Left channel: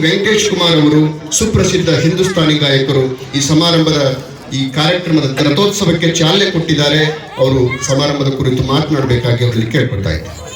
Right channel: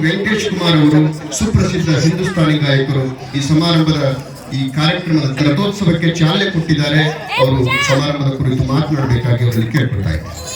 ವೆಂಕಟೇಶ್ ಕುಮಾರ್ ಅವರು ಸುಪ್ರಸಿದ್ಧ ಹಿಂದೂಸ್ತಾನಿ ಗಾಯಕರು ಈ ಸಮಾರಂಭದ ಈ ಕಾರ್ಯಕ್ರಮದ ರಥೋತ್ಸವಕ್ಕೆ ಚಾಲನೆ ಕೊಟ್ಟಿದ್ದಾರೆ. ಅವರು ಸಮಾರಂಭದ ಕುರಿತು ಮಾತನಾಡಬೇಕಾಗಿ ಅವರಲ್ಲಿ ಕೇಳ್ಕೊಳ್ತಾ ಇದ್ದಾರೆ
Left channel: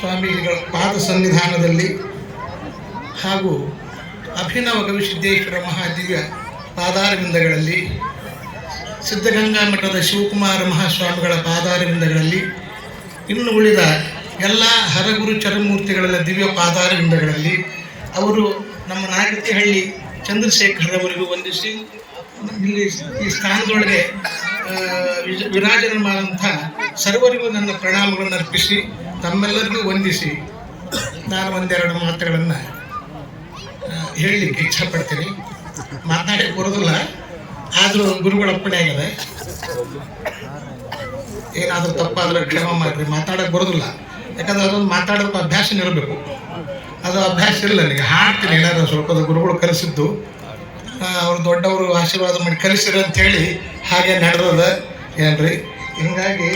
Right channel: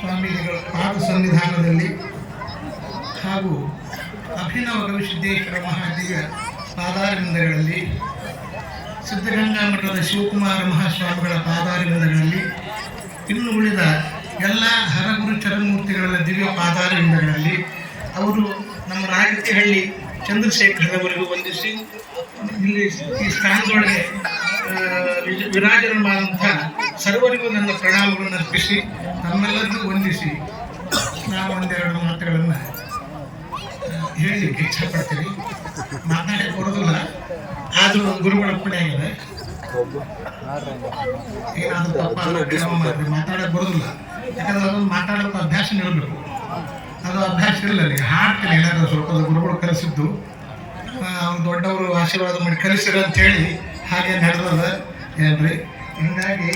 ಸ್ವಾಮೀಜಿಗಳ ಪಾದ ಸನ್ನಿಧಾನದಲ್ಲಿ ಹಾಗೂ ಅಭಿನವ ಗವಿಸಿದ್ದೇಶ್ವರ ಮಹಾದಿವ್ಯ ಪಾದಾರವಿಂದಗಳಲ್ಲಿ, ಸಿದ್ಧಗಂಗಾ ಮಠದ ಶಿವಕುಮಾರ ಮಹಾಸ್ವಾಮಿಗಳ ಪಾದಾರವಿಂದಗಳಲ್ಲಿ, ಇನ್ನು ಉಳಿದ ಎಲ್ಲ ಹರಗುರು ಚರಮೂರ್ತಿಗಳ ದಿವ್ಯ ಪಾದಾರವಿಂದಗಳಲ್ಲಿ ಅವರು ನಮ್ಮ ನಾಗತಿಹಳ್ಳಿ ಚಂದ್ರಶೇಖರವರೆಗೂ ವಂದಿಸಿ ಇಲ್ಲಿ ಈ ಸ್ಥಾನದೊಳಗೆ ವಿರಾಜಮಾನಂಥ ಸರ್ವರಿಗೂ ನನ್ನ ಪ್ರಣಾಮಗಳನ್ನು ಅರ್ಪಿಸಿ, ತಮ್ಮೆಲ್ಲರಿಗೂ ವಂದಿಸಿ ನಾನು ಒಂದೆರಡು ಮಾತುಗಳನ್ನು ಹೇಳಲಿಕ್ಕೆ ಇಚ್ಛಪಡ್ತೀನಿ. ಮಾತನಾಡಕ್ಕೆ ಬರೋದಿಲ್ಲ, ಆದರೂ ಗುರುಗಳ ಅಪ್ಪಣೆ ಆಗಿದೆ ಏನಾದರೂ ತಪ್ಪಾದ್ರೆ ಕ್ಷಮ ಮಾಡಿ ಮಾತಾಡಕ್ಕೆ ಬರೋದಿಲ್ಲ. ಯಾಕಂದ್ರೆ ಅದೊಂದು ಮಾತಾಡೋಕೆ ಅಭ್ಯಾಸ ಇರಬೇಕು. ಅದು ಅಭ್ಯಾಸ ಇಲ್ಲ ನನಗೆ, ಹಾಡ್ತೀನಿ ಏನಾದ್ರು ಸ್ವಲ್ಪ ಗುರುಗಳು ಕಲಿಸಿದ್ದು. ಅವ್ರು ದೊಡ್ಡವರು ಆಶೀರ್ವಾದ ಮಾಡಿ ಕಲಿಸಿರು ಅಂತ ಹೇಳಿ ಹಾಗೆ ನಡೆದದ ಏನ್ರಿ? ಹಿಂಗಾಗಿ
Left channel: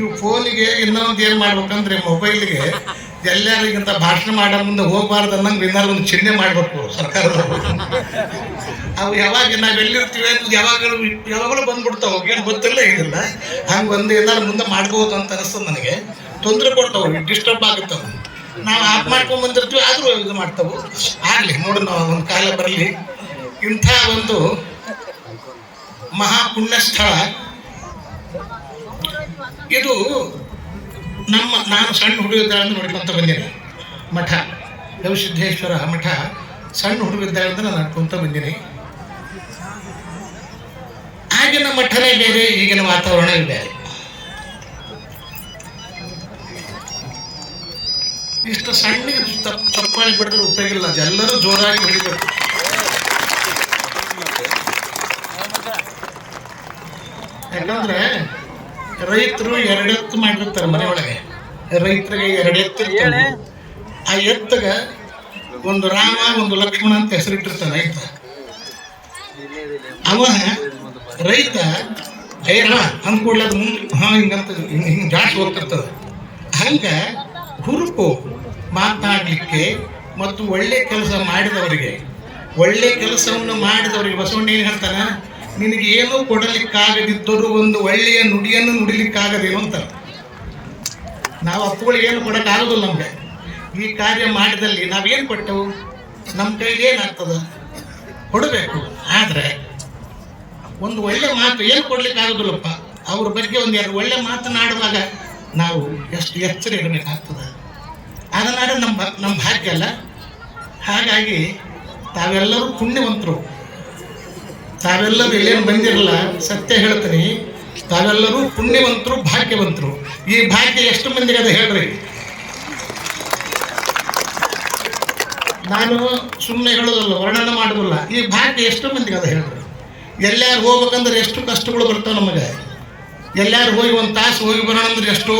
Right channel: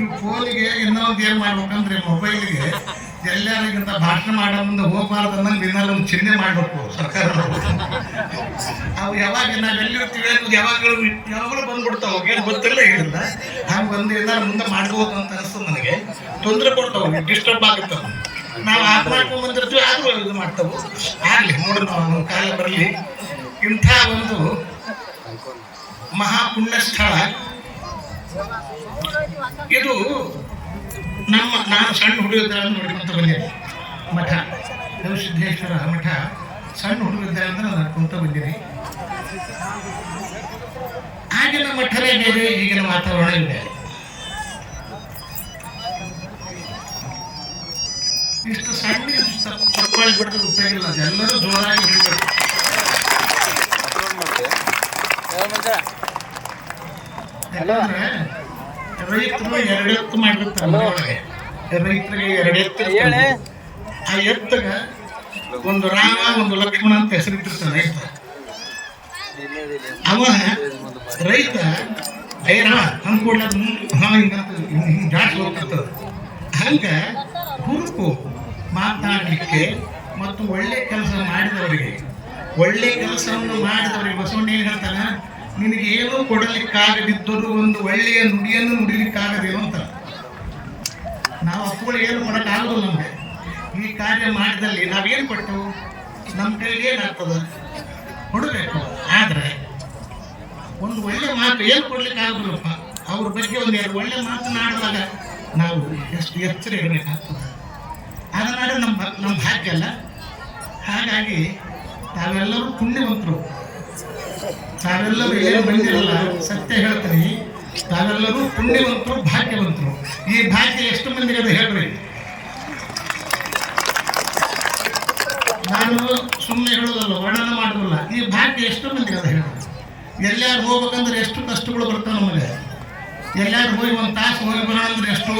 ಈ ಫೋನಿಗೆ ಇನ್ನೊಂದು ಏನು ಮಾಡ್ಬೇಕಂದ್ರೆ ಮೊಬೈಲ್ಗೆ ಎಲ್ಲರಿಗಿಂತ ಭಾಷಣ ಮಾಡೋ ಮುಂದೆ ಹೋಗಬಾರ್ದು ಅನ್ನಂಗೆ ಏನಾದ್ರು ಒಂದು ಚಿಹ್ನೆ ಮಾಡಬೇಕು ಸರ್ಕಾರದವರು. ಅವು ಯಾವಾಗ ನಾವು ಎಲ್ಲಿರ್ತೀವಿ ಅನ್ನೋದು ಯಾವಾಗ ಯಾವಾಗಲೂ ಬಂದ್ಬಿಡ್ತಾವೆ. ಏನು ಗೊತ್ತಿಲ್ಲ ಏನಿಲ್ಲ. ಹಂಗೆ ಬಂದು ಏನಾದ್ರು ಮುಂದೆ ಮಾಡ್ಬೋದು ಅಂತ ಅನಿಸ್ತದೆ ನನಗೆ. ತೊಂದರೆ ಕೊಡ್ತಾವೆ ಡಿಸ್ಟರ್ಬ್ ಆಗುತ್ತವೆ ನಾವು ಆಫ್ ಮಾಡ್ಕೊಂಡ್ ಬಂದಿರ್ತೀವಿ, ಆದರೂ ಇದು ಮಾಡ್ತಾವೆ. ಆಗಲಿ, ನೋಡಿ ನಾವು ಒಂದು ಕಾಲ ಬರಲಿ. ಇಂಥ ಒಂದು ಮಹಾಪುಣ್ಯ ಸ್ಥಳ ಇದು ನಮ್ಮ ನಾನು ಸಣ್ಣ ಹುಡುಗಿದ್ದಾಳೆಂದು ನೋಡ್ಕೊಂತ ಬಂದೀನಿ. ಮಠ. ಗವಿಸಿದ್ದೇಶ್ವರ ಮಠ. ಸಣ್ಣ ಹುಡುಗಿದ್ದಾಳೆಂದು ನಾನು ನಡ್ಕೊಂತ ಬಂದೀನಿ. ಆಗಿನ ಮಠನೇ ಬೇರೆ, ಈಗಿನ ವಾತಾವರಣ ಇದೆ. ಇಷ್ಟು ಸಣ್ಣ ತಪ್ಪಾಗಿ ಬಿಡಿದ್ರೆ ಉಪಯೋಗ ಇಲ್ಲ. ಅದೆಲ್ಲರೂ ಜೋರಾಗಿ ಹಿಡಿಬೇಕು ಯಾಕಂದ್ರೆ ರೈತರು ಎರಡು ಎತ್ತು ಮಾಡಿರ್ತಾರೆ ಮನೆಯೊಳಗೆ. ರೈತರಿಗೆ ಎರಡು ಎತ್ತು. ಆ ಎತ್ತಗ ಒಂದು ರಾಮ, ಒಂದು ಲಕ್ಷ್ಮಣ ಅಂತ ಹೆಸರಿಟ್ಟಿರ್ತಾನೆ ರೈತ. ಅವ ರೈತ ಐರವ ಅಂದ್ಕೂಡ್ಲೆ ಅದು ಮುಂದೆ, ಹಾ ಹಿಂಗಂತ ಹಿಂಗೆ ಜಾಸ್ತಿ ಹೋಗ್ತಿರ್ತದೆ. ಹಂಗೆ ಹುರುಪು ಮಾತನಾಡಲಿಕ್ಕೆ ಮತ್ತು ಒಳ್ಳೆ ಕೆಲಸ ಮಾಡಿದವರಿಗೆ, ಒಳ್ಳೆ ಕೆಲಸವನ್ನು ಮಾಡಿದವರಿಗೆ ಬಸವಣ್ಣ ಏನು ಹೇಳ್ತಾನೆ? ನಿನಗೆ ಏನು ಕೊಡಲಿಕ್ಕಾಗದಿದ್ದರೂ ಒಂದು ಒಳ್ಳೆಯ ನುಡಿಯನ್ನು ನುಡಿಲಿಕ್ಕಾಗದೆ ಅಂತ. ನಾವು ಹಕ್ಕುಗಳು ಏನು ಕೊಡೋಕ್ಕಾಗೋದಿಲ್ಲ ನಮಗೆ. ಈ ಕಾರ್ಯ ಮಾಡಿದಲ್ಲಿ ನಾವೇನು ಕೊಟ್ಟು ನಮ್ಮ ಕೈಗೆ ಏನಾಗ್ತದೆ? ಕೊಡಬೇಕು. ಆದರೆ ಒಂದು ಒಳ್ಳೆ ಮಾತು ಏನು ಕೊಡ್ಲಿಕ್ಕೆ ಆಗೋದಿಲ್ಲಪ್ಪ ಅವ್ರ ಬಗ್ಗೆ ಒಂದು ಎರಡು ಒಳ್ಳೆ ಮಾತನಾಡುವಾಗ ನಾವು ಎಷ್ಟು ಎಚ್ಚರ ಇರಬೇಕಾಗ್ತದೆ? ಅದನ್ನಾದ್ರೆ ನಮ್ಮ ನಮ್ಮ ಭಾಗ್ಯ ಅಲ್ಲ. ಹಾಗಾಗಿ ತಾವೆಲ್ಲರೂ ಪುಣ್ಯವಂತರು. ತಾವೆಲ್ಲರೂ ಏನು ಬಂದಿರಲ್ಲ, ಸತ್ಯ ಹೇಳ್ತೀನಿ. ತಾವೆಲ್ಲರೂ ಪುಣ್ಯವಂತರು, ಭಾಗ್ಯವಂತರು. ಈ ಭಾಗ್ಯ ಎಷ್ಟು ಮಂದಿಗೆ ಅದು ಹೇಳ್ರಿ. ನಾನು ಸುಮ್ಮನೆ ಹೇಳೋದಲ್ಲ, ವರ್ಣನ ಮಾಡೋದಲ್ಲ ಈ ಭಾಗ್ಯ ಎಷ್ಟು ಮಂದಿಗೆ ಅದು ಹೇಳ್ರಿ. ಎಲ್ಲಾರು ಹೋಗ್ಬೇಕಂದ್ರೆ ಎಷ್ಟು ಕಷ್ಟಗಳು ಬರ್ತವೆ ನಮಗೆ. ಎಲ್ಲಾರು ಹೋಗಿ ಒಂದು ತಾಸು ಹೋಗಿ ಬರೋಣ ಅಂದ್ರೆ ಎಷ್ಟೋ,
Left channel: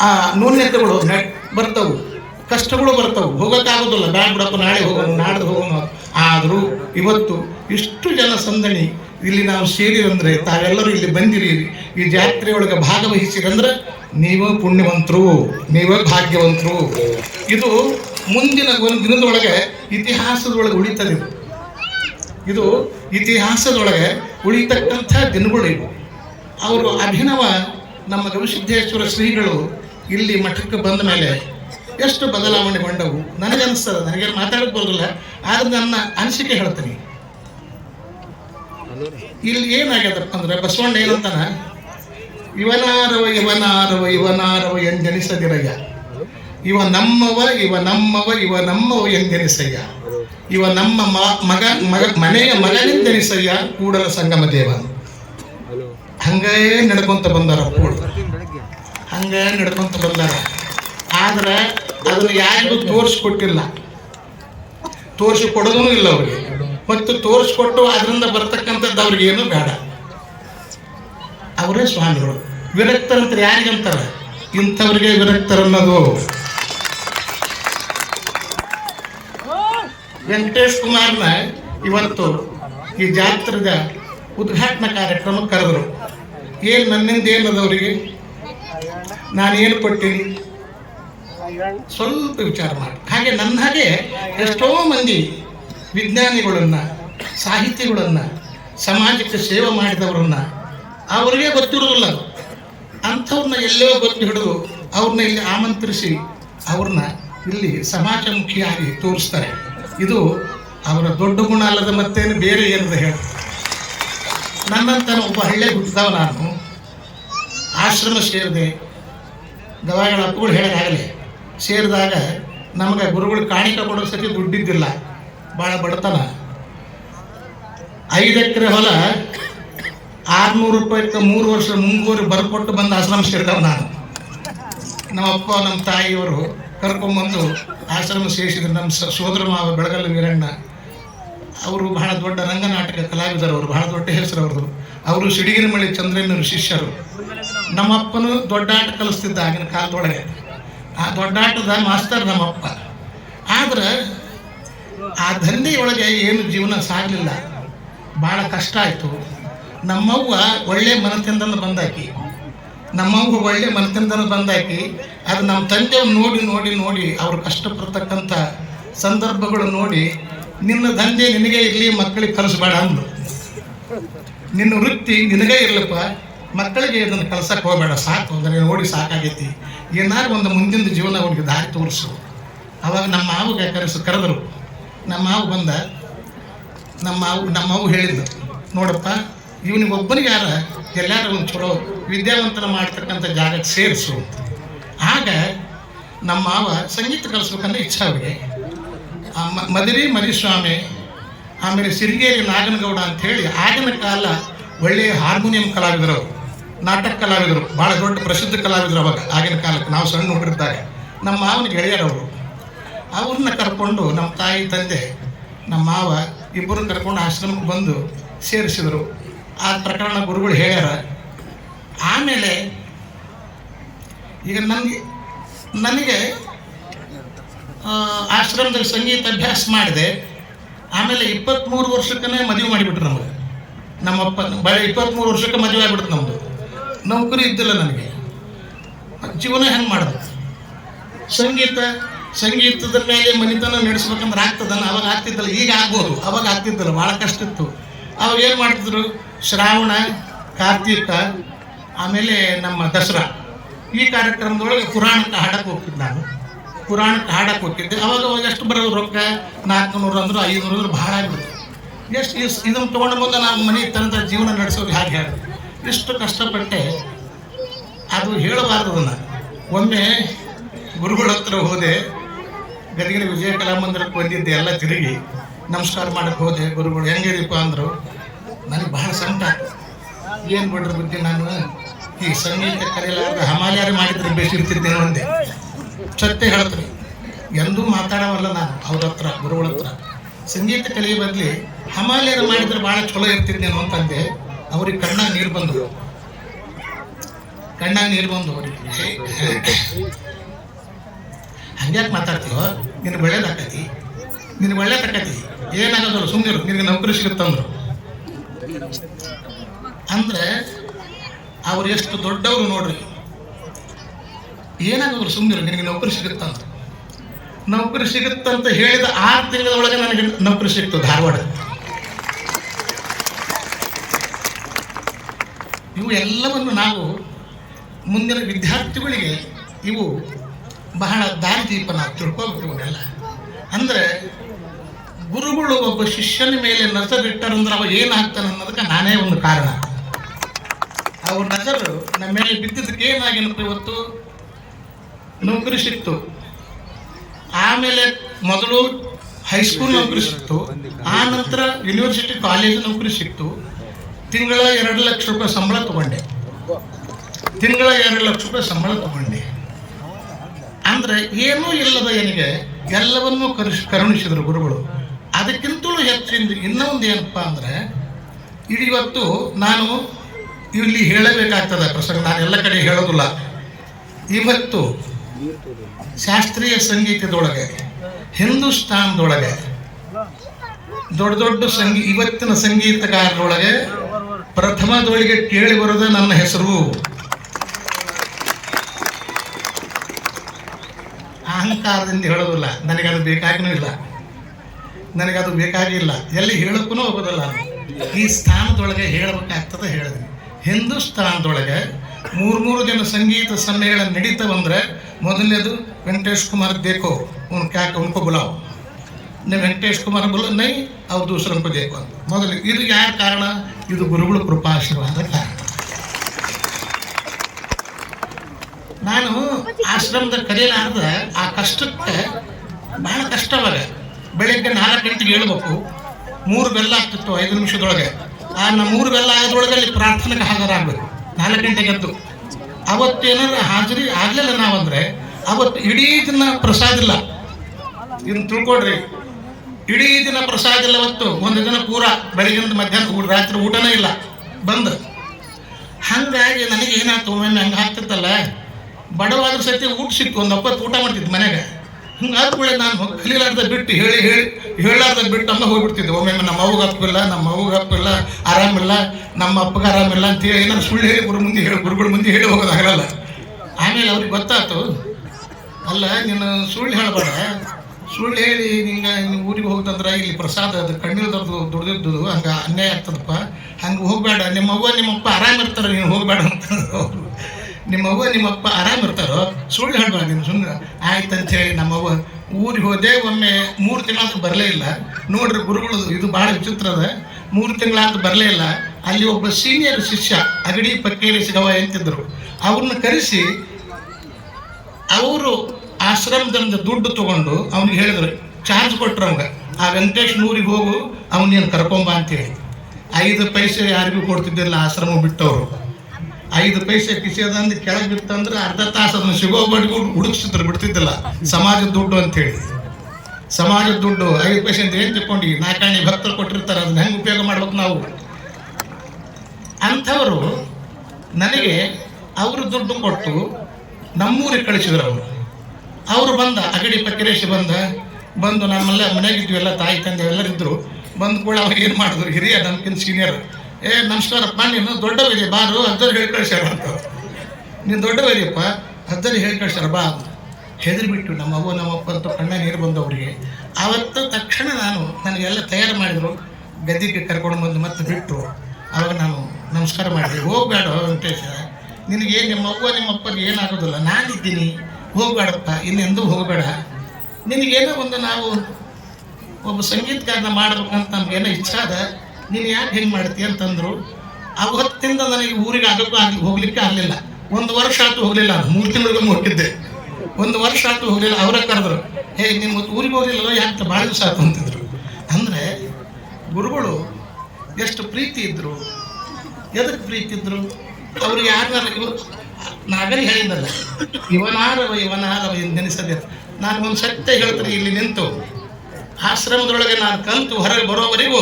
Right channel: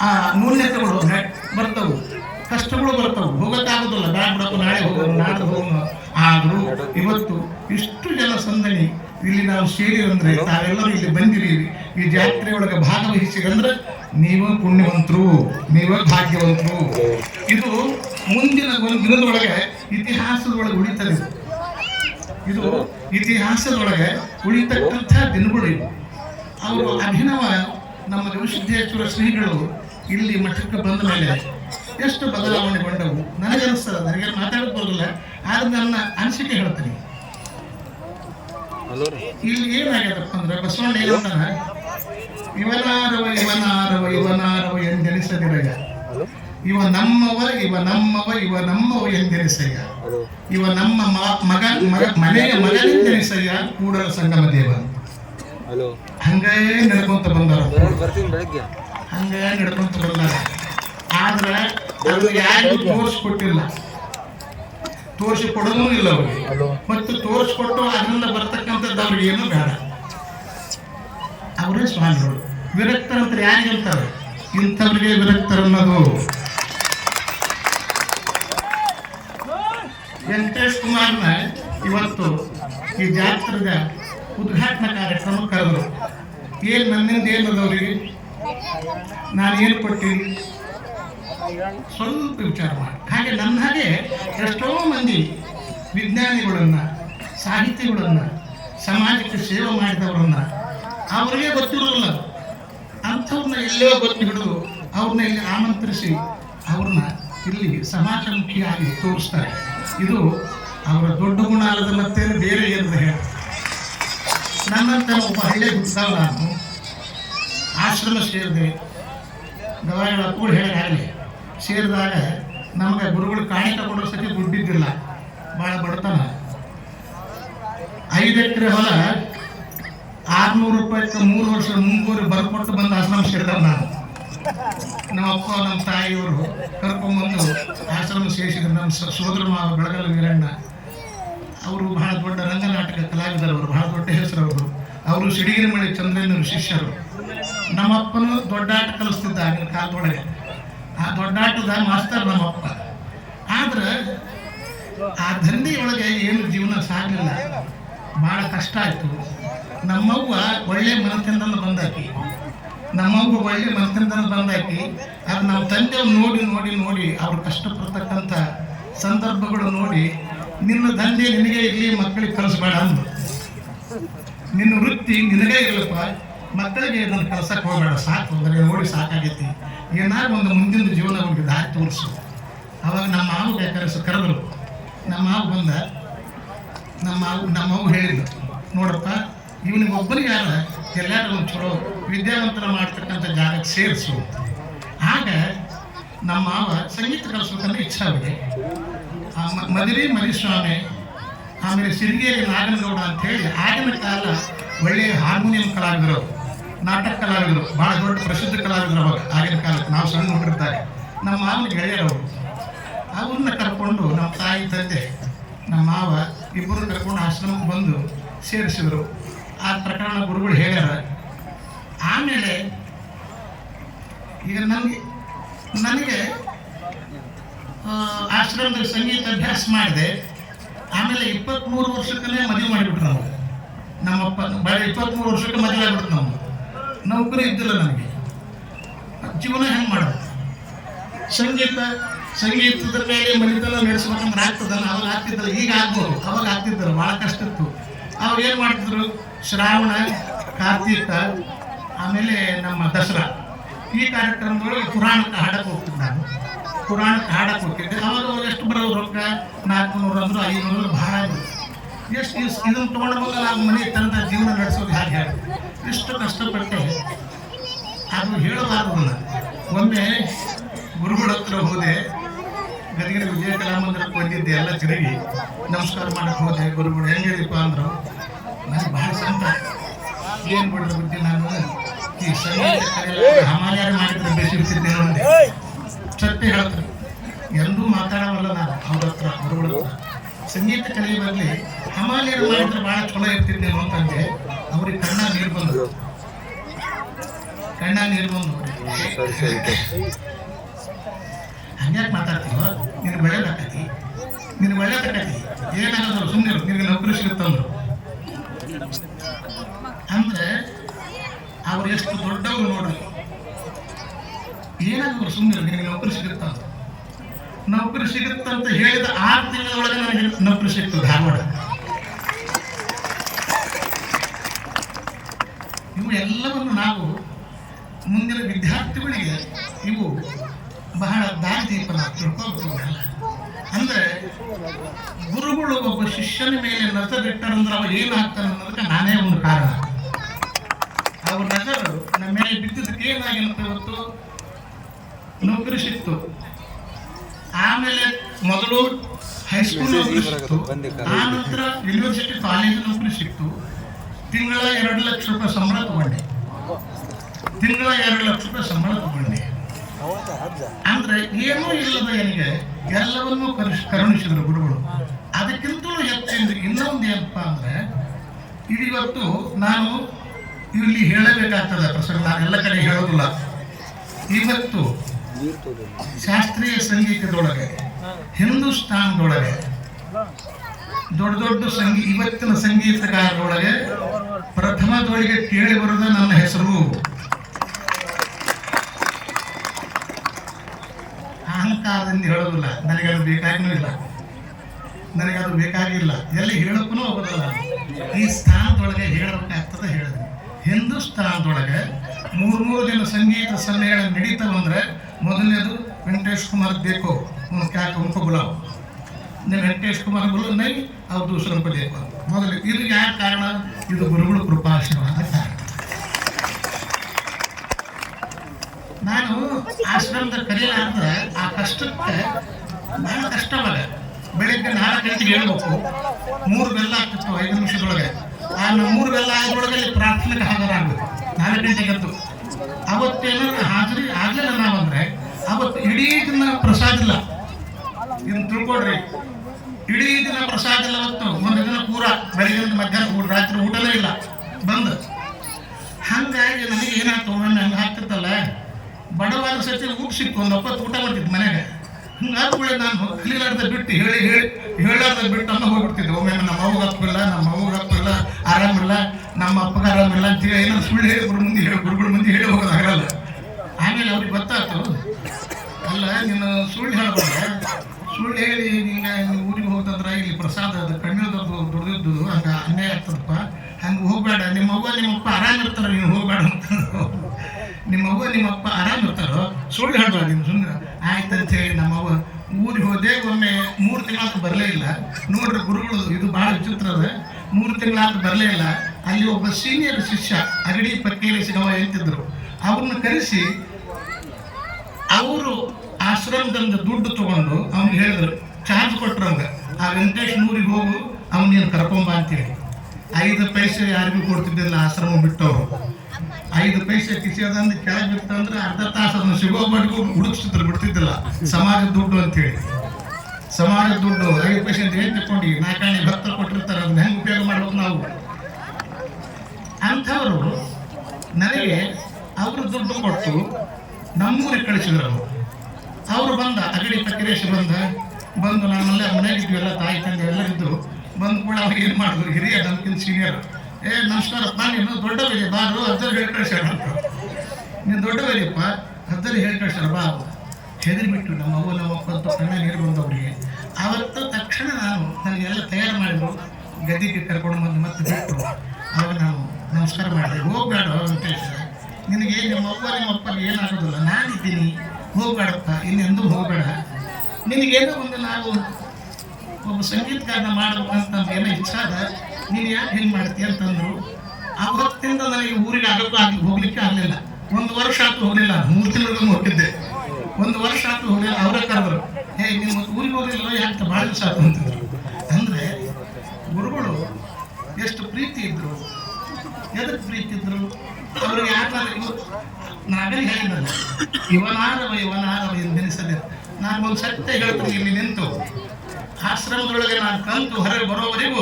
ಆ ನ್ಯೂನ್ಯತೆಗಳು ಬರ್ತವು. ಕಷ್ಟಗಳು ಬರ್ತವು. ಹೋಗೋಕ್ಕಾಗೋದಿಲ್ಲ. ಬ್ಯಾಡ ಬಿಡಪ್ಪ, ನಾಳೆ ಹೋಗೋಣ, ನಾಡ್ದು ಹೋಗೋಣ. ಆದರೂ ಇವತ್ತು ಇಷ್ಟು ಜನ ಸಂದಣಿ ಇಲ್ಲಿ ನಾವು ಸೇರಿರಂದ್ರೆ ತಾವೆಲ್ಲರೂ ಇಲ್ಲಿ ಬಂದಿರಿ. ಈ ಜಾತ್ರೆ ಒಳಗೆ ಭಾಗವಹಿಸಿರಂದ್ರೆ ನೀವು ಪುಣ್ಯವಂತರು, ನೀವೇ ಭಾಗ್ಯವಂತರು. ಇದು ಮುಂದಿನ ಒಂದು ದಿನದೊಳಗೆ ಇತಿಹಾಸದೊಳಗೆ ಉಳಿತದೆ. ಇದು. ಇತಿಹಾಸದೊಳಗೆ ಉಳಿತಕ್ಕಂಥ ದಿನಗಳು ಇವು. ಅವರು ಅಭಿನವ ನಮ್ಮ ಗವಿಸಿದ್ದೇಶ್ವರ ಶ್ರೀಗಳು ಇಲ್ಲಿ ಮಠಕ್ಕೆ ಬಂದ ಮೇಲೆ ಎಷ್ಟು ಬದಲಾವಣೆಗೊಂಡವು? ನನಗನ್ಸ ನನಗೆ ಮಾತಾಡೋದು ಬರೋದಿಲ್ಲ. ಆದ್ರೆ ನನ್ನ ಅನಿಸಿಕೆ ಹೇಳ್ತೀನಿ. ಇಲ್ಲಿ ಏನಾಗ್ಯದಪ್ಪ ಅಂದ್ರೆ ಬಸವಣ್ಣ ಏನಂತಾನ ಇವನಾರವ ಇವನಾರವ ಇವನಾರವ ಎಂದೆನಿಸದಿರಯ್ಯ. ಇವ ನಮ್ಮವ ಇವ ನಮ್ಮವ ಇವ ನಮ್ಮವ ಎಂದೆನಿಸಯ್ಯ. ಇವ ನಮ್ಮ ಮಗ ಮಗ ಮನೆಯ ಮಗನಿಂದೆನಿಸಯ್ಯ ಕೂಡಲ ಸಂಗಮ ದೇವ ಹಂಗೇ ನಡ್ಕೊಂತ ಬಂದಾರ ಕೂಡು ಹಂಗ ನಡ್ಕೊಂತ ಬಂದಾರ. ಆದ್ರೆ ಅದು ಯಾರಿಗೂ ತೋರಿಸ್ಕೊಟ್ಟಿಲ್ಲ. ತೋರಿಸಿ ಕೊಡೋದೂ ಇಲ್ಲ ಅವ್ರಿಗೆ. ಮತ್ತು ತೋರಿಸ್ಕೊಟ್ಟು ಅದರಿಂದ ಬರ್ತಕ್ಕಂಥದ್ದು ಅವ್ರಿಗೇನು ಬೇಡ. ಅವರೇ ಸ್ವಾಮಿಗಳು. ವಿರಕ್ತರಂತ ಯಾರಿಗಂತಾರೆ ಇಂಥವ್ರಿಗೆ ವಿರಕ್ತರನ್ನೋದು ವೆಂಕಟೇಶ್ ಕುಮಾರ್ನ ಇವತ್ತು ಈ ಜಾತ್ರದ ಉದ್ಘಾಟನಾ ಕಾರ್ಯಕ್ರಮ ಕರೆದರು. ಏನು ನನ್ನಿಂದ ಏನದವರಿಗೆ ನಾನು ಏನು ಕೊಟ್ಟೀನಿ? ಸ್ವಲ್ಪ ವಿಚಾರ ಮಾಡಿ. ಹಾಗೆ ನನ್ನ ಹಾಗೆ ಎಷ್ಟೋ ಮಂದಿ ವಿಜ್ಞಾನಿಗಳನ್ನ, ಸಾಹಿತಿಗಳನ್ನ, ಸಮಾಜಕ್ಕೆ ಸೇವೆ ಮಾಡಿದವರನ್ನ ಅವರಿಗೆ ಗೊತ್ತಿರೋದಿಲ್ಲ. ಅಂಥವ್ರನ್ನ ಎಲ್ಲೋ ಗೊತ್ತು ಹಿಡಿದು ಅವ್ರನ್ನ ಇಲ್ಲಿ ಆಮಂತ್ರಿಸಿ ಅವ್ರನ್ನ ಇಲ್ಲಿ ಸಮಾಜಮುಖಿಯಾಗಿ ತೋರಿಸ್ತಾರೆ. ಇದು ಅವರ ದೊಡ್ಡ ಗುಣ ಅಲ್ಲದ ಮತ್ತೇನು ಬೇರೆ ಏನದ ಹೇಳಿ ನನ್ನಂತ ಒಬ್ಬ ಹಳ್ಳಿ ಹುಟ್ಟಿದವ ನಾನು. ಆಶ್ರಮ ಸೇರಿದೆ. ದವಾಗಳ ಅಪ್ಪಗಳು ಹೇಳೋಕ್ಕಾಗಲಿ ಸೇರಿದಾಗ ನಮಗೆ ಗುರುಗಳು ಕಾಣಿಕೆ ಕೊಡೋ ಸತಿ ದುಡ್ಡಿದ್ದಿಲ್ಲ. ಭಾಳ ಬಡತನ. ಐದು ಎಕರೆ ಹೊಲ ಆರ್ನೂರು ರೂಪಾಯಿ ಮೂರು ವರ್ಷ ಮುಂಗೂರು ಬರ್ಕೊಟ್ಟು ಬಂದು ಆಶ್ರಮ ಸೇರಿದವ ನಾನು. ನಮ್ಮ ಅಪ್ಪ ನಮ್ಮ ತಾಯಿಯವರು ಕರ್ಕೊಂಬಂದು ಆಶ್ರಮ ಸೇರಿಸಿದ್ರು. ನಮ್ಮ ಸೋದರ ಮಾವ ಬೆಳಗಲ್ಲ ವೀರಣ್ಣ. ಅವರು ಬಹಳ ದೊಡ್ಡ ರಂಗನಾಟಕ ಕಲಾವಿದರು. ಅವರು ಬಹಳ ದೊಡ್ಡ ಹೆಸರು ಅವರು ಅವರು ಸಿಡಿಗಿರಿಮಳಿ ಚಂದ್ರಣ್ಣವ್ರ ಶಿಷ್ಯರು. ನಮ್ಮಪ್ಪನು ದೊಡ್ಡಾಟ ಕಲಿಸ್ತಿದ್ದ ಆಗಿನ ಕಾಲದೊಳಗೆ. ಆ ದೊಡ್ಡಾಟದ ಮಾಸ್ತರ್ ನಮ್ಮಪ್ಪ. ಆದ್ರೆ ಆ ದಂಧೆಯೊಳಗೆ ಏನು ಜೀವನ ಸಾಗಲಿಲ್ಲ. ಭಾಳ ಕಷ್ಟ ಆಯಿತು. ನಮ್ಮವ್ವ ಒಳ್ಳೆ ಮನದಿಂದ ಬಂದಾಕಿ. ನಮ್ಮವ್ವ ಒಳ್ಳೆ ಮನದಿಂದ ಬಂದಾಕಿ. ಅದು ನಮ್ಮ ತಂದೆ ನೋಡಿ ನೋಡಿ ನೋಡಿ ಅವರು ಕಷ್ಟಪಡ್ತಕ್ಕಂಥ ಸಂದರ್ಭಗಳು ನೋಡಿ ನಿನ್ನ ದಂಧೆ ನಿನಗೆ ಇರಲಿ, ಮಕ್ಕಳಿಗೆ ಕಲಿಸ್ಬೇಡ ಅಂದರು ನಿನ್ನ ವೃತ್ತಿ ನಿನಗೇ ಇರಲಪ್ಪ, ಮಕ್ಕಳಿಗೆ ಇದನ್ನು ಕಳ್ಸಕ್ಕೆ ಹೋಗಬೇಡ, ಸಾಕು ಅಂದರೆ ನೋಡಿ ಸಾಕಾಗೈತಿ. ಏನಾದ್ರು ಒಂದು ಮುಂದಿನ ಜೀವನ ಅವ್ರಿಗೆ ದಾರಿ ತೋರಿಸು. ಅವಾಗ ನಮ್ಮ ಮಾವಿಗೆ ಕರೆಸು, ಕರೆದರು ನಮ್ಮ ಮಾವು ಬಂದ. ನಮ್ಮ ಮಾವು ನಮ್ಮ ಮಾವು ಹೇಳಿದ್ರು, ನೋಡಪ್ಪ, ಇವನಿಗೆ ಒಬ್ಬನಿಗೆ ಯಾರ ಎಲ್ಲಾರು ಒಂದು ಚಲೋ ವಿದ್ಯಾವಂತನ ಮಾಡ್ತಕ್ಕಂಥ ಜಾಗಕ್ಕೆ ಸೇರಿಸು ಆಗ ನಮ್ಮ ಮಾವ ಸಂಗೀತ ಕಲಿಸ್ಬೇಕಂದ್ರೆ ಇಚ್ಛೆ ಅವರಿಗೆ. ಮದುವೆ ಮರಿಸ್ವಾಮಿ ಆಮೇಲೆ ಸಿರಿಗೇರಿ ನಾಗನಗೌಡ ಅಂತ ಹೇಳಿ ಆಗಿನ ಕಾಲ ಒಳ್ಳೆಯ ಹಾರ್ಮೋನಿಯಂ ಕಲಾವಿದರು ನಾಟಕ ಕಲಾವಿದರು, ಭಾಳ ದೊಡ್ಡ ಪ್ರಸಿದ್ಧ ಕಲಾವಿದರು ಅವಾಗ ಆಗಿನ ಕಾಲಕ್ಕೆ. ನಾವು ಸಣ್ಣ ಹುಟ್ಟಿರ್ತಾರೆ ನಮ್ಮ ಮಾವನ ಗೆಳೆಯರವರು ಅವ್ರನ್ನ ಕರ್ಕೊಂಡು ನಮ್ಮ ತಾಯಿ, ತಂದೆ, ನಮ್ಮ ಮಾವ ಇಬ್ಬರು ಕರ್ಕೊಂಡು ಆಶ್ರಮಕ್ಕೆ ಬಂದು ಸೇರಿಸಿದರು. ಆ ಪ್ರಕರಣ ಗುರುಗಳು ಹೇಳ್ಯಾರ. ಆಮೇಲೆ ಈಗ ನನಗೆ ನನಗೆ ಆಶ್ರಮದಲ್ಲಿ ಸಂಗೀತ ಅಭ್ಯಾಸ ಮಾಡಿದೆ. ಆಮೇಲೆ ಇಪ್ಪತ್ತ್ಮೂರು ವರ್ಷಕ್ಕೇ ಮದುವೆ ಮಾಡಿಬಿಟ್ರು ನಾವು ನಮ್ಮಪ್ಪ, ಬರೀ ಇಪ್ಪತ್ತ್ಮೂರು ವರ್ಷಕ್ಕೆ ಮದುವೆ ಆಗ್ಬಿಡ್ತು ನಮ್ಮದು ನೌಕರಿ ಇದ್ದಿಲ್ಲ ನನಗೆ. ಜೀವನ ಹೆಂಗೆ ಮಾಡೋದು ಸಂಗೀತ ಸಂಗೀತದ ಮೇಲೆ ಮನಿತನ ನಡೆಸ್ಬೇಕಂದ್ರೆ ಆಗ್ತದಲ್ಲ? ಅವಾಗ ಆಗ್ತಿದ್ದಲ್ಲ ಈಗ ಆಗ್ಬೋದು. ಅವಾಗ ಆಗ್ತಿದ್ರು ಭಾಳ ಕಷ್ಟ ಇತ್ತು. ಅವಾಗ ಏನು ಮಾಡ್ತಿದ್ರು? ಶ್ರಾವಣ, ಕಾರ್ತೀಕ, ಆಮೇಲೆ ನಮ್ಮ ದಸರಾ. ಈ ಕಾರ್ಯಕ್ರಮದೊಳಗೆ ಪುರಾಣಕ್ಕೆ ಹಾಡಕ್ಕೆ ಹೋಗ್ತಿದ್ದೆ ನಾನು. ಪುರಾಣಕ್ಕೆ ಹಾಡಕ್ಕೆ ಹೋಗ್ತಿದ್ದೆ. ಅವಾಗ ಅವಾಗ ಎಷ್ಟು ಬರೋದು ರೊಕ್ಕ? ನಾಲ್ಕುನೂರು ಅಂದ್ರು, ಐದುನೂರು ಅಂದ್ರೆ, ಭಾಳ ಆಗಿದೆ. ಎಷ್ಟು ಇದನ್ನು ತೊಗೊಂಡು ಬಂದು ನಾವು ಮನೆ ತಂದ ಜೀವನ ನಡೆಸೋದು ಹೇಗೆ ಹೇಳಿ ಇಷ್ಟು ಕಷ್ಟಪಟ್ಟೆ. ಅದು ಹೇಳಬಾರ್ದು ನಾನು. ಒಮ್ಮೆ ಗುರುಗಳ ಹತ್ರ ಹೋದೆ. ಗದಗಿನ ವಿಜಯ ಕಲಾಮಂದಿರಕ್ಕೆ ಬಂದಿದ್ದೆ ಎಲ್ಲ ತಿರುಗಿ ನಮಸ್ಕಾರ ಮಾಡಕ್ಕೆ ಹೋದೆ. ಗುರುಗಳು ಹೆಂಗೆ ಹೇಳಿಪ್ಪ ಅಂದರು ನನಗೆ ಬಹಳ ಸಂತ ಏನು ಬಿಡ್ರ ಬಗ್ಗೆ ನಾನು? ಈ ಸಂಗೀತ ಕಲೆಯಲ್ಲ ಹಮಾಲಾರಿ ಮಾಡಿದ್ರೆ ಬೇಸಿರ್ತಿದ್ದೇನೆ ಒಂದೇ. ಸತ್ಯ ಹೇಳಿದ್ರು ಎಂದೂ ಮಾತಾಡವಲ್ಲ ನಾನು ಅವ್ರ ಹತ್ರ ಗುರುಗಳ ಹತ್ರ. ಸಂಗೀತ ಕಲೆಯ ಬದಲಿ ಹಮಾಲ್ಯಾರು ಮಾಡಿದ್ರೆ ಭಾಳ ಚಲೋ ಇರ್ತಿದ್ದೇನೋ ಅಂತಂದೆ ಅವ್ರಿಗೆ ಕಣ್ಣ ನೀರು ಬಂದರು ಕಣ್ಣ ನೀರು ಬಂದು ಅವ್ರಿಗೆ. ಹಂಗ್ಯಾಕೆ ಮಾತಾಡ್ತೀವೋ ನಿನಗೆ ಒಳ್ಳೇದಾಕತಿ ನಿನಗೆ ಒಳ್ಳೇದಾಕತಿ ಏನಾಗೋದು ಸುಮ್ಮನೆ ನಿನಗೆ ನೌಕರಿ ಸಿಗುತ್ತಂದ್ರು. ಅಂದ್ರೆ ಅವ್ರು ಎಷ್ಟು ದೊಡ್ಡವರು ನೋಡ್ರಿ. ಏನಾಗೋದ್ರು ಸುಮ್ಮನೆ ನಿನಗೆ ನೌಕರಿ ಸಿಗುತ್ತಂದ್ರು. ನೌಕರಿ ಸಿಗುತ್ತಂತ ಹೇಳಿದ ಆರು ತಿಂಗಳ ಒಳಗೆ ನನಗೆ ನೌಕರಿ ಸಿಗ್ತದೆ ಧಾರವಾಡ. ಇವು ಎಲ್ಲವನ್ನು ನಾವು ಮುಂದಿನ ವಿದ್ಯಾರ್ಥಿಗಳಿಗೆ ಇವು ಬಹಳ ದಾರಿದೀಪನ ತಿಳ್ಕೊಬೇಕು ಇವನ್ನೆಲ್ಲ ಅಂದರೆ ಗುರುಗಳು ಒಬ್ಬ ಶಿಷ್ಯನ ಮೇಲೆ ನಜರಿಟ್ಟರಂದ್ರೆ ಅವ ಏನಾಗ್ತಾನೆ ಅನ್ನೋದಕ್ಕೆ ನಾನೇ ಒಂದು ಕಾರಣ. ಅವ್ರ ನಜರು ನಮ್ಮ ಮೇಲೆ ಬಿದ್ದಿದ್ದಕ್ಕೆ ಏನಾಗಿತ್ತು ಇವತ್ತು? ನೌಕರಿ ಸಿಕ್ತು. ಆಮೇಲೆ ಮೊದಲು ಹೈಸ್ಕೂಲ್ ನೌಕರಿ ಸಿಕ್ತು. ಆ ನಂತರ ಯೂನಿವರ್ಸಿಟಿ ಕಾಲೇಜ್ ನೌಕರಿ ಸಿಕ್ತು. ತಿಂಗಳ ಎರಡು ಲಕ್ಷ ರೂಪಾಯಿ ಸಂಬಳ ತಗೊಂಡೆ. ತಿಂಗಳ ಎರಡು ಲಕ್ಷ ರೂಪಾಯಿ ಸಂಬಳ ತಗೊಂಡೆ. ಅಂದ್ರೆ ಏನೂ ಇಲ್ಲದ ಏನಿಗೆ ಎಲ್ಲವನ್ನೂ ಕರುಷ್, ಕರುಣಿಸಿದ್ರು ಗುರುಗಳು. ಅದಕ್ಕಿಂತಲೂ ಹೆಚ್ಚಿನ ಇನ್ನೊಂದು ಏನಪ್ಪ ಅಂದ್ರೆ ಇವತ್ತು ನಾನು ಇಲ್ಲಿ ಹೇಳಬೇಕಾಗ್ತದೆ ಪ್ರಸಂಗ. ನಾನು ಎಲ್ಲ ಕಡೆ ಹೇಳೋದಿಲ್ಲ. ಇವತ್ತು ಶಾಸ್ತ್ರೀಯ ಸಂಗೀತದೊಳಗೆ, ಹಿಂದೂಸ್ತಾನದೊಳಗೆ, ದೊಡ್ಡ ದೊಡ್ಡ ಸಂಗೀ, ಇವತ್ತಿನ ಸಂಗೀತಗಾರರೊಳಗೆ ಪ್ರಥಮದೊಳಗೆ ಕೇಳಿ ಬರೋದ ನನ್ನ ಹೆಸರು. ಅಹಂಕಾರದಿಂದ ಹೇಳೋದಿಲ್ಲ. ನನಗೆ ಅದು ಬೇಕಾಗಿನೂ ಇಲ್ಲ. ಅದು ಬೇಕಾಗಿಲ್ಲ ಎಲ್ಲಿ ಹೇಳಕ್ಕೂ ಹೋಗೋದಿಲ್ಲ ಈ ಸ್ಥಾನದೊಳಗೆ ಹೇಳಬೇಕಾಗ್ತದೆ ಹೇಳಿದ್ರು ಹಿಂದೂಸ್ತಾನದೊಳಗೆ ಮೂರು ಮೂರು ದಿನ ಸಂಗೀತ ಸಮ್ಮೇಳನ ನಡೀತಾ ಬಂದರೆ ಮೊದಲನೇದು ವೆಂಕಟೇಶ್ ಕುಮಾರ್ ದೇಕೋ, ಅವ್ನ ಕ್ಯಾಕ್ ಉನ್ಕೋ ಬುಲಾವ್. ನೀವು ವೆಂಕಟೇಶ್ ಕುಮಾರ್ ಬುಲ್ ನೈ, ಅವ್ರು ದೂಸರಂಕೋ ದೇಕೋ ಅಂತ. ಮೊದಲು ಇದು ಯಾರ ಕಾರಣ? ಇದು ಗುರುಗಳ ಕೃಪಾಶೀರ್ವಾದ ನಾನು ಆಶ್ರಮದ ಕಲಿಯಲಾರ್ದ ಆ ಕಷ್ಟಕ್ಕೆ ಬಹಳ ಕಷ್ಟ ಅವಾಗ. ಬೆಳಿಗ್ಗೆ ನಾಲ್ಕು ಗಂಟೆಗೆ ಹೇಳ್ಬೇಕು ಮೂರು ಬೆಲ್ಲ ಆಗ್ತಿತ್ತು ಐದು ನಿಮಿಷದೊಳಗೆ. ಆ ಮೂರು ಬೆಲ್ಲ ಆಗೋದ್ರೊಳಗೆ ಅಲ್ಲಿ ಪ್ರಾರ್ಥನೆಗೆ ಹಾಜರಾಗಬೇಕು ನಾಲ್ಕು ಗಂಟೆಗೆ ಎದ್ದು. ಅವತ್ತೇನಾದ್ರು ಹಾಜರಿ ಆಗ್ಲಿಲ್ಲ ನಾವಂದ್ರೆ, ಅವತ್ತು ಇಡೀ ದಿನ ಪ್ರಸಾದ ಇಲ್ಲ. ಇದನ್ನ ತಿಳ್ಕೊಡ್ರಿ ಇಡೀ ದಿನ ಪ್ರಸಾದ ಇಲ್ಲ ಅವತ್ತು. ಒಂದು ದಿನ ಪೂರ ಬೆಳಗಿನ ಮಧ್ಯಾಹ್ನ ಊಟ, ರಾತ್ರಿ ಊಟನೇ ಇಲ್ಲ. ಬಂದು. ಹಂಗಾಗಿ ನನಗೆ ಏನಾಗ್ತದೆ ಒಮ್ಮೆ ಹಂಗೆ ಬಡವಾದ್ರ ಸತಿ ಊಟ ಸಿಕ್ತು ಒಂದು ಅಪ್ಪತ್ತು ಊಟ ಮಾಡ್ತಿದ್ದು ಮನೆಗೆ ಹಿಂಗಾದ ಕೂಡ ನಾನು ಕಲಿಯಲಾರ್ದ ಬಿಟ್ಟು ಹೇಳಿ ಹೇಳಿ ಹೇಳಾರ್ದ ಬಿಟ್ಟು ಅಮ್ಮ ಹೋಗ್ಬಿಡ್ತಿದ್ದೆ. ಒಮ್ಮೆ ನಮ್ಮ ಅವ್ಗೆ ಅಪ್ಪಿಲ್ಲ, ನಮ್ಮ ಅವ್ಗೆ ಅಪ್ಪಿಲ್ಲ, ಆರಾಮಿಲ್ಲ, ನಮ್ಮ ಅಪ್ಪಗೆ ಆರಾಮಿಲ್ಲ ಅಂತೇಳಿ ಏನಾದ್ರು ಸುಳ್ಳು ಹೇಳಿ ಗುರು ಮುಂದೆ ಹೇಳಿ, ಗುರುಗಳ ಮುಂದೆ ಹೇಳಿ ಹೋಗೋದಾಗಲ್ಲ ಆಮೇಲೆ ಅವ್ರಿಗೆ ಗೊತ್ತಾಯ್ತು ಅಲ್ಲ, ನೀನು ಸುಳ್ಳು ಹೇಳಬೇಡ. ಸುಳ್ಳು ಹೇಳಿ ನಿಂಗೆ ಊರಿಗೆ ಹೋಗ್ತಂದ್ರೆ ಇಲ್ಲಿ ಪ್ರಸಾದ ಅದು ಕಣ್ಣೀರು ದೊಡ್ದು, ದುಡ್ದಿದ್ದು, ಹಂಗೆ ಅನ್ಯಾಯ ಆಗ್ತದಪ್ಪ. ಹಂಗೆ ಹೋಗಬೇಡ. ನಿಮ್ಮ ಅವ್ವ ನಿಮ್ಮಪ್ಪ ಆರಾಮಿರ್ತಾರೆ, ನೀನು ಹೋಗಬೇಡ ಅಂತಂದ್ರು ನಿಮ್ಮ ಅವ್ವ ನಿಮ್ಮಪ್ಪ ಆರಾಮ್ ಇರ್ತಾರೋ, ಸುಳ್ಳು ಹೇಳ್ಬಾರ ನಿಮ್ಮ ಸುಮ್ಮನೆ ಆಯ್ತು ಅಂತ ಹೇಳಿ ನಮ್ಮವ್ವ ಊರಿಗೆ ಹೋದೆ, ಒಮ್ಮೆ ಮೂರು ತಿಂಗಳಾತು ಬರಲೇ ಇಲ್ಲ. ನೋಡ್ರಿ ಗುರುಗಳು, ಇದು ಭಾಳ ವಿಚಿತ್ರ ಅದ. ಮೂರು ತಿಂಗಳಾತು ಬರಲೇ ಇಲ್ಲ. ಅಲ್ಲಿ ಒಬ್ಬ ಸೀನಿಯರ್ ಶಿಷ್ಯ, ಅಗಡಿ ಪಕ್ಕೇರಿ ಸಿಗವ ಎಂತಿದ್ರು. ಅವ್ರನ್ನ ಕರೆಸಿ ಅವರು ಆಶ್ರಮದಿಂದ ದುಡ್ಡು ತಗೊಂಡು ಅವ್ನಿಗೆ ಹೇಳಿದ್ರು, ಚಾರ್ಜ್ ಕೊಟ್ರು ಹಂಗೆ ಆ ವೆಂಕಟೇಶ್ ಊರಿಗೆ ಹೋಗು, ಅವನೇನು ಕರ್ಕೊಂಬ ಅಂತೇಳಿ. ಐದು ಪೈಸೆ ಯಾರಿಗೂ ಕೊಡ್ತಿದ್ದಿಲ್ಲ, ಆಶ್ರಮ ಬಿಟ್ಟವರು. ಐದು ಪೈಸೆ ಕಿಸೆದಂದು ಕೆಳಗೆ ಬಿತ್ತಂದ್ರೆ ಅರ್ಧ ತಾಸು ಸಿಗೋ ಸಿಗೋವರೆಗೂ ಹುಡುಕ್ಸಿದ್ರು ಬಿಡ್ತಿದ್ದಿಲ್ಲ. ಸಮಾಜದ ದುಡ್ಡು ಅಂತೇಳಿ ಸಮಾಜದ ದುಡ್ಡು ಐದು ಪೈಸೆ ಅಂತ ಏನು ತಿಳ್ಕೊಂಡಿ ನಾಕಾಣಿ ಭಕ್ತರು ಕೊಟ್ಟಿರ್ತಾರೆ, ಅದನ್ನ ಹೆಂಗೆ ಉಪಯೋಗ ಮಾಡ್ಬೇಕು ನಾವು? ಅಂಥವರು ನನಗೆ ಅವರು ದುಡ್ಡು ಕೊಟ್ಟು ನಮ್ಮೂರಿಗೆ ಕಳಿಸಿದ್ರು ಅವರು. ಅವರು ಬಂದ, ಅಗಡಿ ಪ್ರಕ್ರಿಯೆ ಬಂದ, ಬಂದು ನಮ್ಮೆಲ್ಲ ಮನೆಗಿದ್ವಿ ಎಲ್ಲ ತಾಯಿ, ತಂದೆ ಎಲ್ಲರಿದ್ರು. ಬಂದು ಕೂಡ ಅವ್ರಿಗೆ ಏನು ಮಾಡಿದ್ರು? ಹಿರಿಯ ನಮ್ಗಿಂತ ಸೀನಿಯರ್. ಏ, ನಮಸ್ಕಾರಪ್ಪ ನೀನು ದೊಡ್ಡವರಿಗೆ ಬಾರು ಅಜ್ಜರು ಹೇಳಿ ಅಂತ. ನೀನು ದೊಡ್ಡವರಿಯಪ್ಪ ಅಜ್ಜರು ಹೇಳಿ ಕಳ್ಸ್ಯಾರ ಬಾ ಹೆದರಿಬಿಟ್ಟು ನಮ್ಮ ಮಗು, ನಮ್ಮ ಅಪ್ಪ ಅಂತ ಕಣ್ಣ ನೀರು ಬಂದವರಿಗೆ ಆವತ್ತು ತಕ್ಷಣ ನಾನು ನನಗೆಲ್ಲ ತಯಾರು ಮಾಡಿದ್ರು, ಗದ್ದಿಗೆ ಕರ್ಕೊಂಡು ಬಂದು ಮತ್ತೆ ಬಿಟ್ಟು. ಅವಾಗ ನಾನು ನಮಸ್ಕಾರ ಮಾಡಿದೆ, ಹೋಗ್ಬೇಡ, ವೆಂಕಟೇಶ. ನಿನಗೆ ನಿಮ್ಮ ಅವ್ವ, ನಿಮ್ಮ ಅಪ್ಪನಿಗೆ ಏನಾಗೋದಿಲ್ಲ. ನಾನಿದ್ದೀನಿ, ಹೋಗ್ಬೇಡಪ್ಪ, ಇನ್ನೆಂದೂ ಹೋಗಬೇಡ. ನಿನಗೇನೋ ಒಂದು ನಾವು ಒಬ್ಬ ಸಂಗೀತಗಾರನ ಮಾಡಬೇಕು ಅಂತ ನನಗೇನೋ ಇಚ್ಛೆ ಅದ ನೀನು ಯಾಕೆ ಹೆಂಗೆ ಮಾಡ್ತೀಯ ಅಂತಂದ್ರು ಅವತ್ತಿಂದ ನನಗೆ ಊರಿಗೆ ಆಗಕ್ಕೂ ಆಗಿ, ಹೋಗ್ಲಿಕ್ಕೆ ಆಗಲಿಲ್ಲ. ಒಂದು ವರ್ಷ ಆಯ್ತು ಹೋಗಲಿಲ್ಲ, ಮೂರು ತಿಂಗಳಿಗೆ ಹೊಟ್ಟಿದ್ದೆ ಒಂದು ವರ್ಷ ಆಯ್ತು ಹೋಗಲಿಲ್ಲ, ಅವರೇ ಕರೆದ್ರು, ಹೇ ನಿಮ್ಮ ಊರಿಗೆ ಹೋಗಲಿಲ್ಲ ಯಾಕೆ ಭಾಳ ದಿವಸ ಆಯ್ತು ಅಂತಿದ್ರು. ಅಂದರೆ, ಗುರುಗಳು ಎಷ್ಟು ಪ್ರೀತಿ ಇದ್ದರು ಎದಕ್ಕೆ ಪ್ರೀತಿ ಇದ್ರು? ಅವರು ಯಾರು ನಾಗರಿ ಹೇಳಿದಲ್ಲ ಇವನಾರವ ಇವನಾರವ ಎಂದೆನಿಸದೆ ನಾನು ಒಂದು ಸತ್ಯ ಹೇಳ್ತೀನಿ, ಇಲ್ಲಿ ನಿಂತು. ಆಶ್ರಮದೊಳಗೆ ನಾನು ಕಂತು ಹೊರಗೆ ಬರೋವರೆಗೂ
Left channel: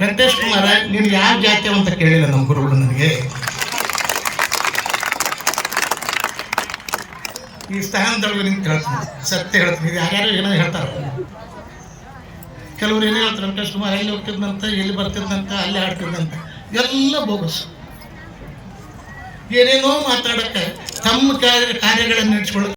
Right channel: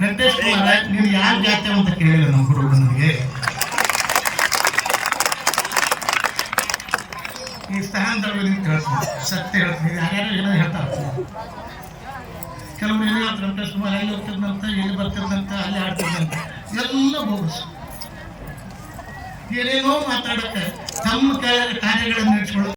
ವೆಂಕಟೇಶ್ ಕುಮಾರ, ನೀವು ಯಾವ ಜಾತಿ ಅಂತ ಕೇಳಿಲ್ಲ ನಮ್ಮ ಗುರುಗಳು ನನಗೆ ಈ ಸ್ಥಾನದೊಳಗೆ ನಿಂತು ಹೇಳ್ತೀನಿ ಸತ್ಯ ಹೇಳ್ತೀನಿ ಯಾರ್ಯಾರು ಏನೋ ಹೇಳ್ತಾರೆ. ಕೆಲವರು ಏನೋ ಹೇಳ್ತಾರೆ, ವೆಂಕಟೇಶ್ ಕುಮಾರ್ ಎಲ್ಲಿ ಹೋಗ್ತಿದ್ದಂತ ಎಲ್ಲಿ ಬರ್ತಿದ್ದಂತ ಅಲ್ಲಿ ಆಡ್ತಿದ್ದಂತ ಎಲ್ಲ ಬೋಗಸ್. ಏನೇನೋ ಮಾತಾಡಕ್ಕೆ ತಮ್ಮ ಕಾರ್ಯ ಕಾರ್ಯಗಳನ್ನು ಇಟ್ಕೊಳ್ಳೋದು